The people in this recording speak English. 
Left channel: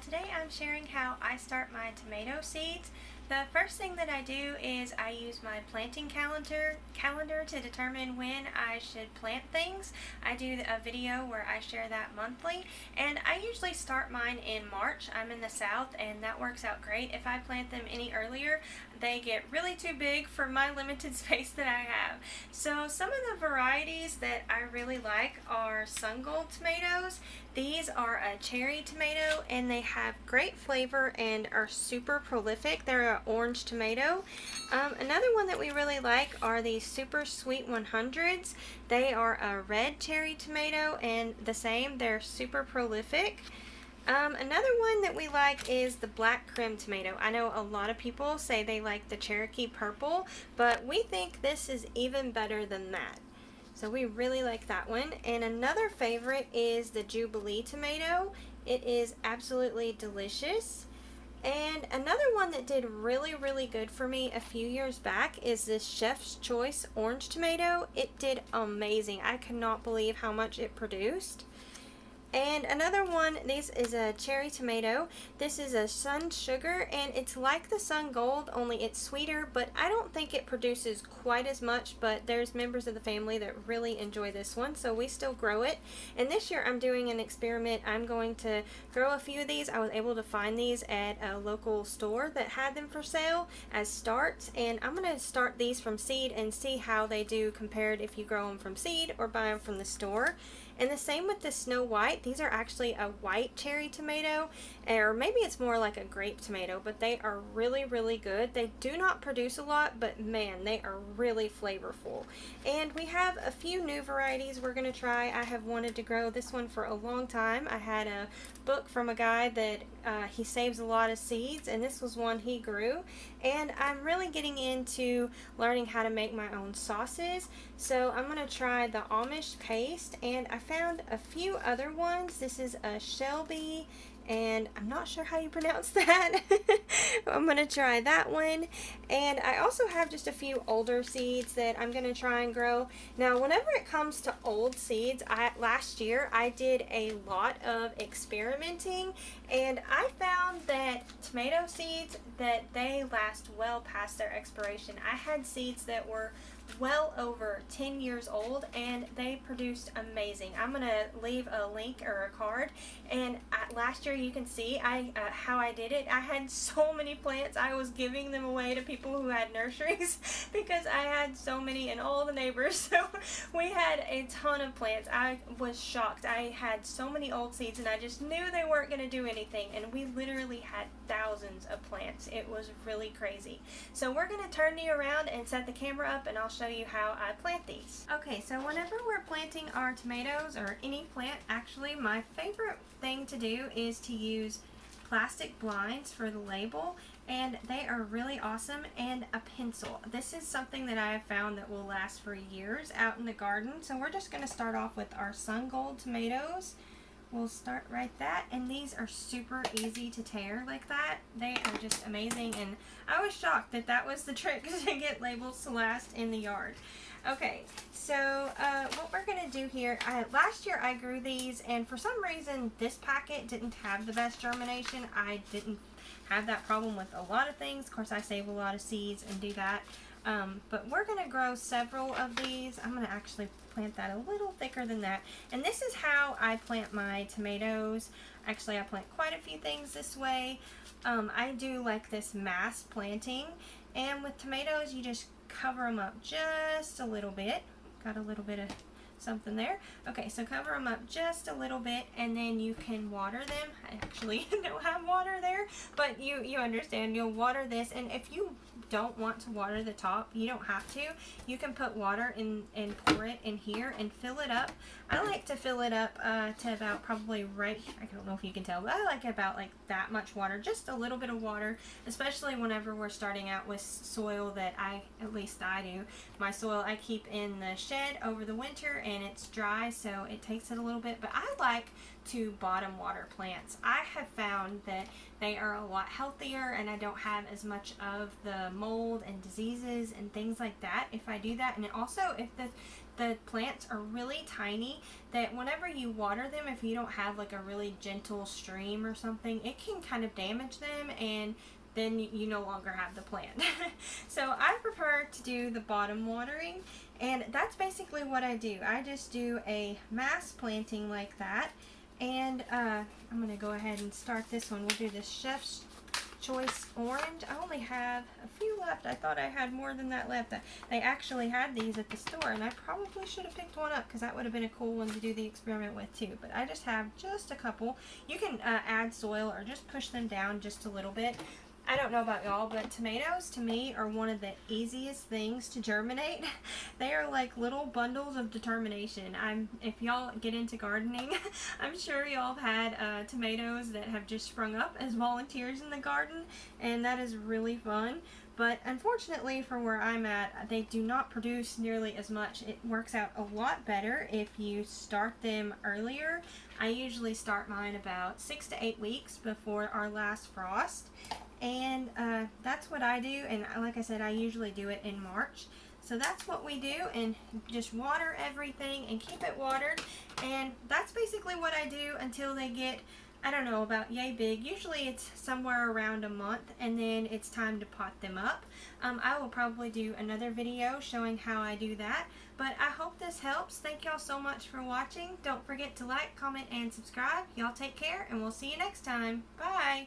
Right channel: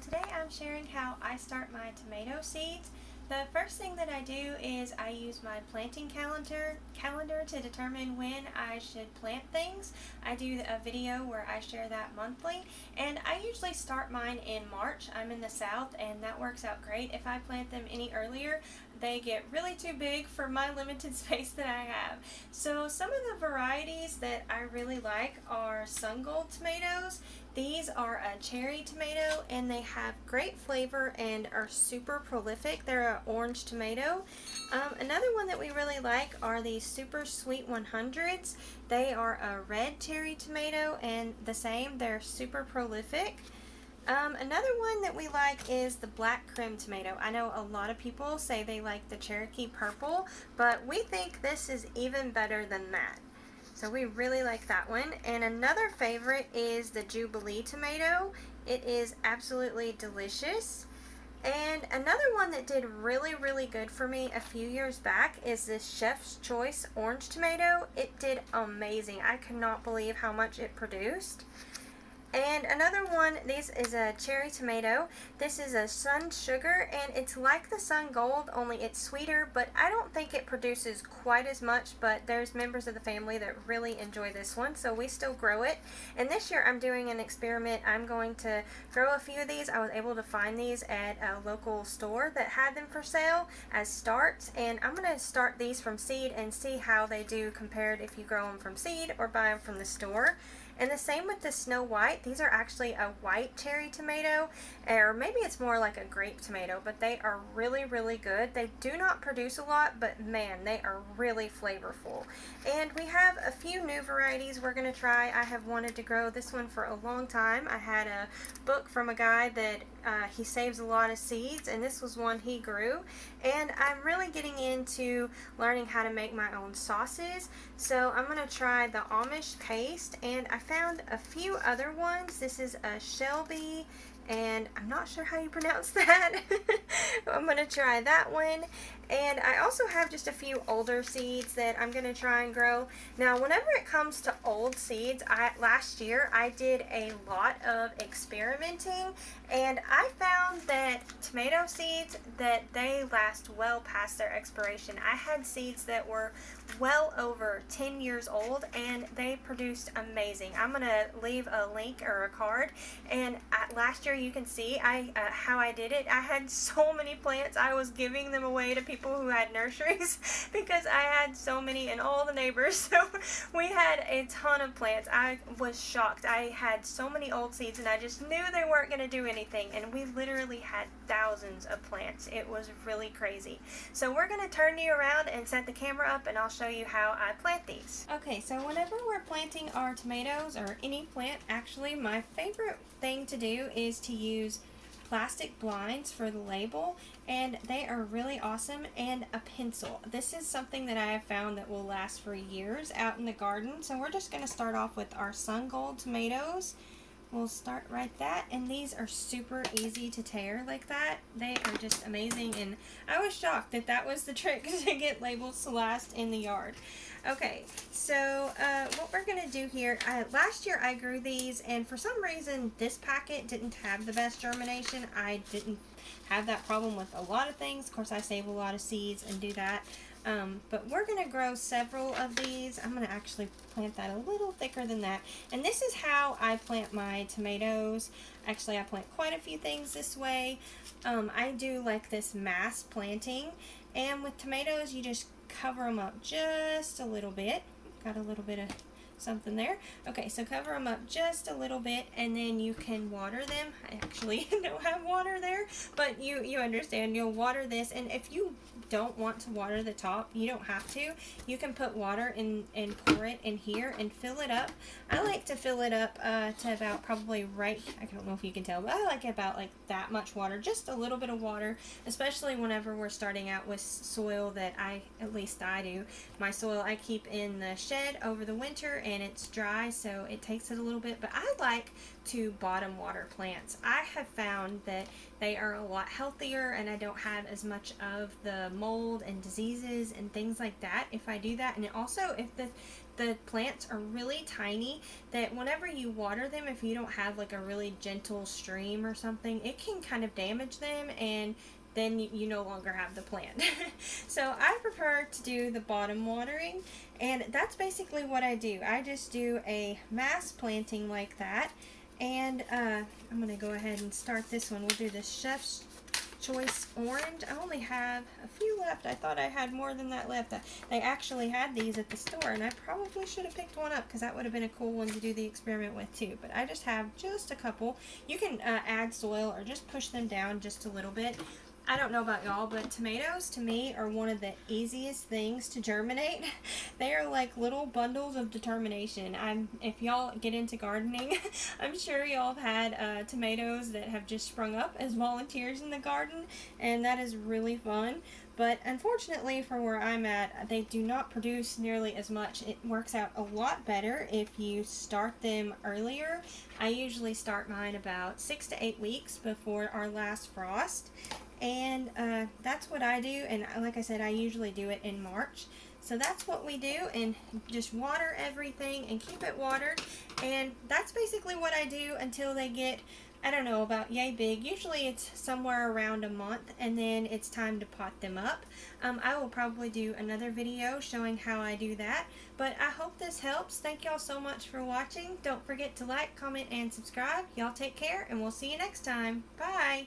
today I'm sharing how I start my tomato seeds. The first thing that I do is I use my planting calendar to determine when I should plant things. I do a video where I share that monthly, and I usually start mine in March. I'm in the south and that works out great. If I plant them any earlier, they get really too big for my limited space that I have. So some of the varieties that I really like are sun gold tomatoes. These are a cherry tomato and they have great flavor and are super prolific. They're an orange tomato. Another one that we really like are these super sweet 100s. They are a red cherry tomato and the same, they're super prolific. Another one that we like is the black creme tomato. I know a lot of people say they like the Cherokee purple, but we think this is even better than that. So we really like that one. And another favorite is the Jubilee tomato. It is absolutely delicious. And another one that did really good for me a few years back is this Chef's Choice orange tomato. It did amazing. I could not believe how much it produced. And another one, this is a cherry tomato. This is a sun sugar, and it's like the sun gold, only it's sweeter, but I don't think it produces quite as much, but there's members of the family that really enjoy this one, so we still grow it. And this year I'm doing an experiment. I'm going to grow a few of these. I was able to find these at a local store that had them for sale as starts, and I'm going to start these from seed and see how they do compared if you grow them from seed or buy them from the store. And the same with the Snow White. These are actually a white cherry tomato, or maybe it's more like a grape tomato, but they are really good. They do not produce a lot, but man, they are really flavorful. And we have a few new varieties we're going to try. I have wanted to grow this one for a long time. I had a book from a guy that he saves a lot of seeds, and this was one he grew. And I'm really getting into learning how to make my own sauces. So I'm going to try the Amish paste, and I found a few other ones. This is a Shelby, and I'm not sure how you pronounce that. I'm going to try that one. And I also have just a few older seeds that I'm going to try and grow. Now, whenever it comes to old seeds, last year I did a lot of experimenting, and I found that tomato seeds, that they last well past their expiration. I had seeds that were well over 10 years old and they produced amazing. I'm going to leave a link or a card, and last year you can see how I did it. I had so many plants. I was giving them away to people who had nurseries because I had so many, and all the neighbors, so we had a ton of plants. I was shocked. I had so many old seeds and I just knew they weren't going to do anything, and we literally had thousands of plants. It was really crazy. So we're going to turn you around and set the camera up, and I'll show you how I plant these. Okay, so whenever we're planting our tomatoes, or any plant actually, my favorite thing to do is to use plastic blinds for the label, and they are really awesome, and a pencil. This is something that I have found that will last for years out in the garden. So we're just going to start off with our sun gold tomatoes. We'll start right that, and these are super easy to tear like that. They are just amazing, and I was shocked that that was the trick to get labels to last in the yard. Okay, so what we're going to do here, last year I grew these, and for some reason this packet didn't have the best germination. I didn't have that problem with a lot of things. Of course, I save a lot of seeds and do that. But we're going to grow several of these. I'm going to actually plant that a little thicker than that. And this is how I plant my tomatoes. Actually, I plant quite a few things this way. I do like this mass planting. And with tomatoes, you just cover them up just a little bit. Got a little bit of something there. Okay, so cover them up just a little bit, and then you can water them. I actually don't have water there, but you understand. You'll water this, and if you don't want to water the top, you don't have to. You can put water in and pour it in here and fill it up. I like to fill it up to about probably right, I don't know if you can tell, but I like about like that much water, just a little bit of water, especially whenever we're starting out with soil that at least I do. My soil I keep in the shed over the winter, and it's dry, so it takes it a little bit, but I like to bottom water plants. I have found that they are a lot healthier, and I don't have as much of the mold and diseases and things like that if I do that. And also, if the the plants are really tiny that whenever you water them, if you don't have like a really gentle stream or something, it can kind of damage them, and then you no longer have the plant. So I prefer to do the bottom watering, and that's basically what I do. I just do a mass planting like that, and I'm going to go ahead and start this one. We'll do the Chef's Choice Orange. I only have a few left. I thought I had more than that left. They actually had these at the store, and I probably should have picked one up because that would have been a cool one to do the experiment with too. But I just have just a couple. You can add soil or just push them down just a little bit. I don't know about y'all, but tomatoes to me are one of the easiest things to germinate. They are like little bundles of determination. If y'all get into gardening, I'm sure y'all have had tomatoes that have just sprung up as volunteers in the garden, and that is really fun. But unfortunately for where I'm at, they do not produce nearly as much. It works out a lot better if you start them earlier. I usually start mine about 6 to 8 weeks before our last frost. And that's what I do, and like I said, I usually do it in March. So that's what we do, and just water everything and keep it watered. And that's basically what I do until they get, I don't know, about yay big. Usually it's somewhere around a month, and then it's time to pot them up. I will probably do another video showing how I do that. But I hope this helps. Thank y'all so much for watching. Don't forget to like, comment, and subscribe. Y'all take care, and we'll see you next time. Bye!